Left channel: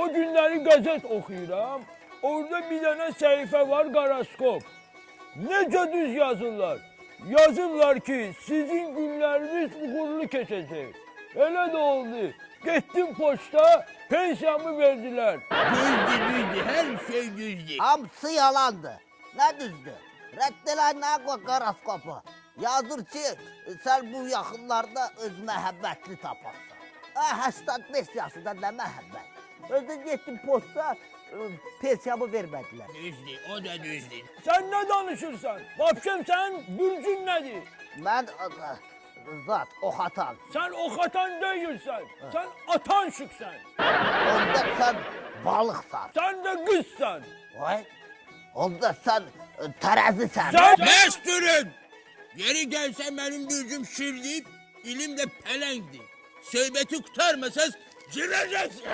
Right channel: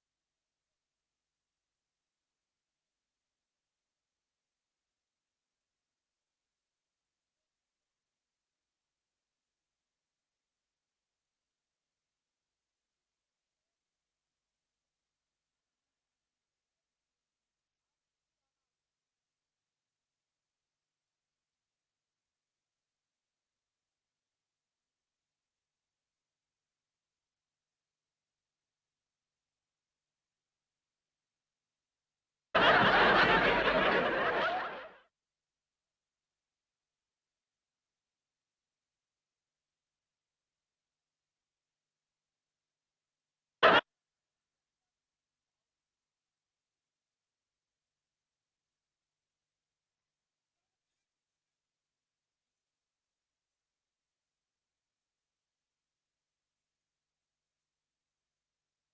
O günleri gazet okuyuram. Orada bir tane sayfa var, goroskop. Nece düz yazırlar. Yazırlar ki sizin günleriniz uğurlu geçecek. Öyle de oldu. Gittim poçta, pensiyamı verdiler. Düzdü, her şey düzdü. Hamısı yalandı. Ne düzdü? Reddelen koy goroskopu. Yazır ki sen bu yakınlarda öz məhəbbətli taparsan. 85 yaşında ne məhəbbət? Özü gittim posta pensiyamı vermedi. Sen ne danışırsan? Vapşem sen bürcün nedir? Ben zat ox atan. Sen ok atan değilsen. Sen atan şıksan. Onda sen balıksan. Sen de kızsan. Vay. Onda sen terazisən. Sen... Mesturun! Geri gelsen benim gücüm şirdip, ilim de pelendi. Söhbeti kurtarmasaz gireceksin.